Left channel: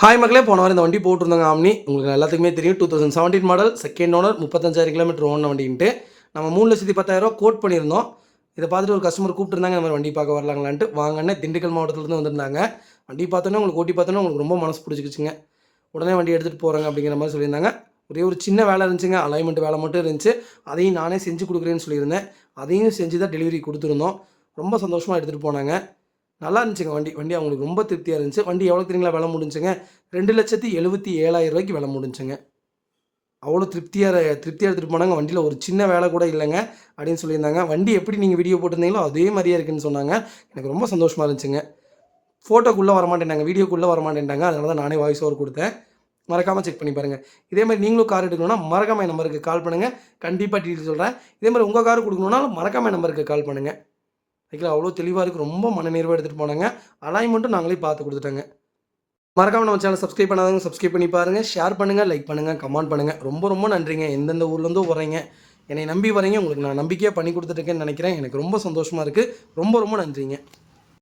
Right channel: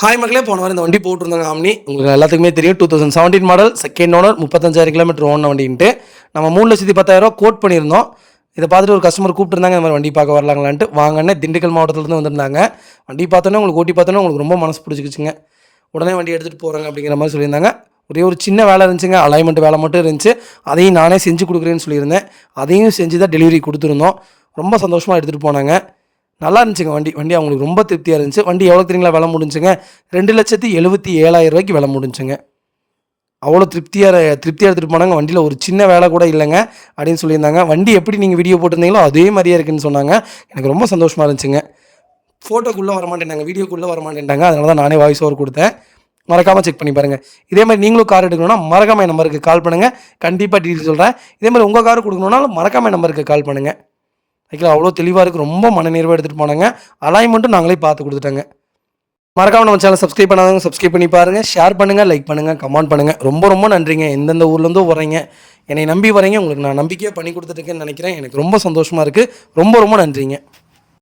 Hi மக்களே, போன வாரம் இந்த வண்டி போட்டிருந்தாங்க ஆம்னி. உங்களுக்கு எல்லாத்துக்குமே தெரியும் 2017 மாடல், செகண்ட் ஓனர், 35,000 கிலோமீட்டர் ஓடின வண்டின்ட்டு. நம்ம 3,10,000 கோட் பண்ணியிருந்தோம். இதை பார்த்துட்டு ஒரு கஸ்டமர் கூப்பிட்டுருந்தாங்க, இந்த மாதிரி வண்டி பார்க்க வரலாங்களான்ட்டு. வாங்கன்னு திண்டுக்கல் மாவட்டத்துலேருந்து வந்திருந்தாங்க. வண்டி பார்த்தோன்னே உங்களுக்கு ஓட்டி பார்த்தோன்னே உங்களுக்கு ரொம்ப மனசு பிடிச்சிக்கிச்சுங்க. உடனே வண்டி எடுத்துகிட்டு போகிறாங்க அப்படிங்கிற மாதிரி சொல்லியிருந்தாங்க. ஒரே ஒரு சின்ன வேலை இருந்துச்சுங்க, அலைன்மெண்ட் வேலை மட்டும் இருந்துச்சு. அதையும் நானே செஞ்சு கொடுக்குறேன்னு சொல்லியிருந்தேன். அதையும் செஞ்சு தான் டெலிவரி கொடுத்துருந்தோம். ரொம்ப சந்தோஷமாக எடுத்துகிட்டு போனாங்க. நல்லா இருந்துச்சுங்க வண்டி அவங்களுக்கு ரொம்ப திருப்தியாக இருந்துச்சு. வண்டி எவ்வளோ தெரியுங்களா விலை முடிஞ்சுங்க? 2,77,000 விலை முடிஞ்சுங்க. அவ்வளோ திருப்தியாக எடுத்துகிட்டு போனாங்க. வண்டியில் ஒரு சின்ன வேலை கூட இல்லைங்க அப்படின்னு சொல்லியிருந்தாங்க. வண்டி எப்படி நீங்கள் வீடியோ போட்டிருந்தீங்களோ அதே மாதிரியே இருக்குன்னு சொன்னாங்க. எனக்கு ரொம்ப சந்தோஷமாக இருந்துச்சுங்க. ஃபோட்டோக்குள்ளே வரமாட்டேன்ட்டாங்க, வீடியோக்குள்ளே வரமாட்டேன்ட்டாங்க. அதனால தான் நானே வாய்ஸ் ஓவர் கொடுத்தேன். மறக்காமல் செக் பண்ணி பாருங்கள். இதே மாதிரி நீங்களும் கார் எடுக்கணும்னா மறக்காமல் என் நம்பருக்கு கால் பண்ணுங்கள். கண்டிப்பாக டீட்டெயில் சொல்கிறேன். இதே மாதிரி உங்கள் கார் கொடுக்கணுன்னாலும் மறக்காமல் என் நம்பருக்கு கால் பண்ணுங்கள். ஓகேங்களா? அவ்வளோ தெளிவாக இருக்குது. ரொம்ப மனநிறைவாக எடுத்துகிட்டு போனாங்க. அலைன்மெண்ட்டும் நாங்களே பார்த்து கொடுத்துட்டோங்க. மறக்காம நம்ம சேனல் சப்ஸ்கிரைப் பண்ணாதவங்க சப்ஸ்கிரைப் பண்ணி பாருங்கள். ஷேர் பண்ணுங்கள், லைக் பண்ணுங்கள், கமெண்ட் பண்ணுங்கள். ரொம்ப ரொம்ப நன்றிங்க. எந்தெந்த ஊர்லேருந்தோ வரீங்க, என்னை நம்பி வரீங்க. உங்களுக்கு நான் நம்பிக்கையாக பண்ணி கொடுத்துட்ருக்கேன்னு நினைக்கிறேன். எனக்கு ரொம்ப சந்தோஷமாக இருக்குது. ரொம்ப ரொம்ப நன்றிங்க.